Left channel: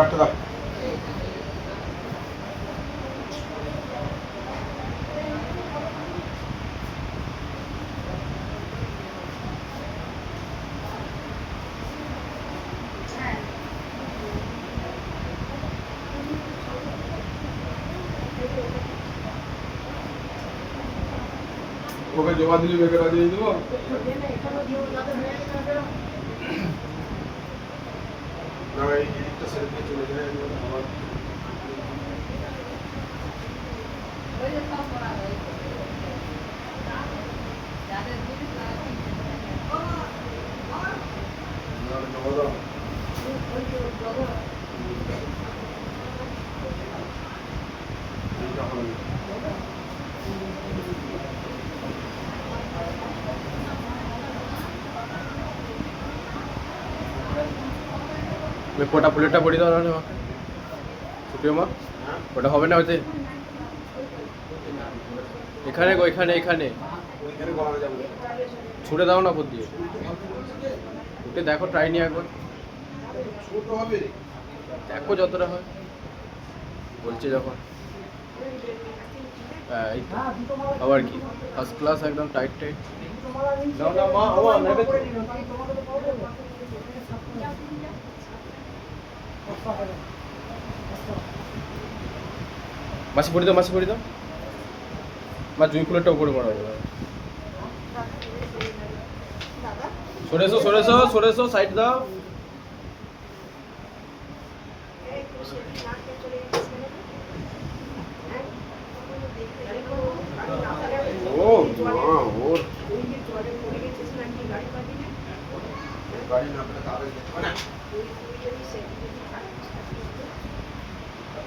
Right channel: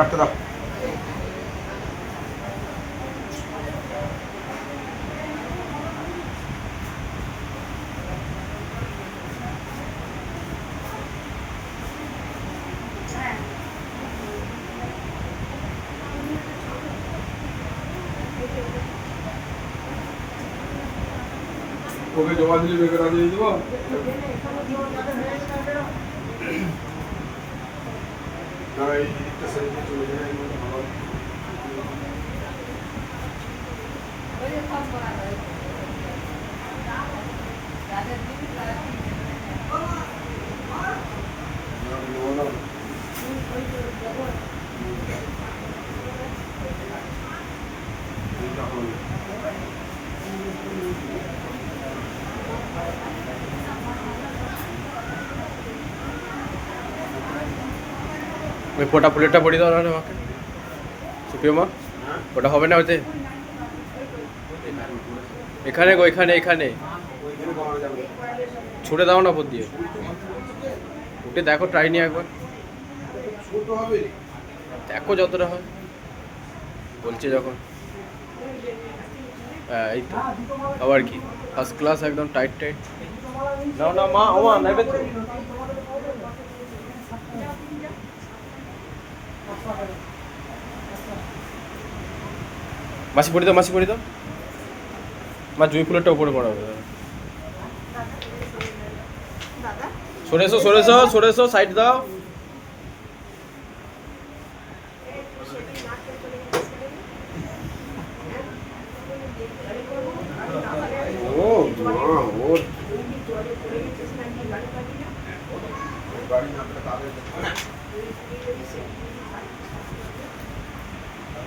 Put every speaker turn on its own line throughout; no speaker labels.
অর্ডারটা দাও। ওকে জমা দিলে বেকার দিয়ে দেবো। না এই দিকটা সাইডে চলে যায় আমার
ওই ফোটা প্লেটটা পড়িয়ে দাও না সুপ্রিয় মা, ওটা হবে না হতে এখানে গো, এখানে এখানে। ছুটে দাও না উপর দিয়ে উঠে দেখো ট্রাই নিয়ে একবার। দেখো যতটা হয়। বলছে যখন। হ্যাঁ এই তো। আবার কি? ফার্স্ট ক্লাস একদম টাইট টাইট নাও না, মা, ও মা নেবে তো মাসি পড়ি দাও, মাসি পড়ি দাও। মা জুই ফুলেরটা উপরে পড়া। হবে সরে এসো সরে এসো সরে এসো সাইড দাও
ও। গাড়ি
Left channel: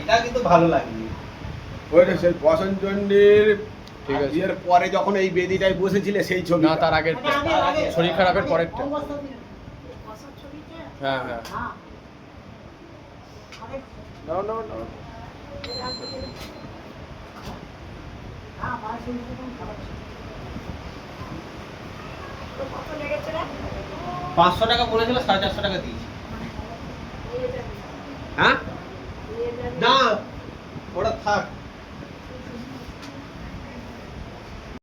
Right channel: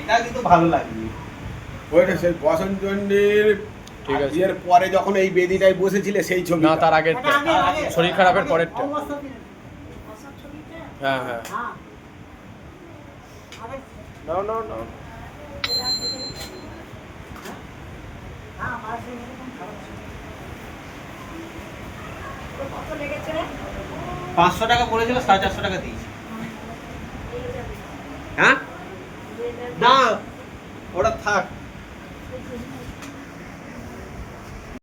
এটা কিন্তু ভালো লাগবে
ওইটা সেই বসন্তচন্ডীর
ঠিক আছে।
বিয়ের পরে যখন এই বেদিটায় বসেছিলে সেই ছবি
না তার আগের শরীর খারাপের পরেরটা। হ্যাঁ হ্যাঁ। নাও নাও নাও
পাঁচশো টাকা পড়েছিল সাড়ে চারশো টাকা দিয়েছি। হ্যাঁ? না ওটা থাক।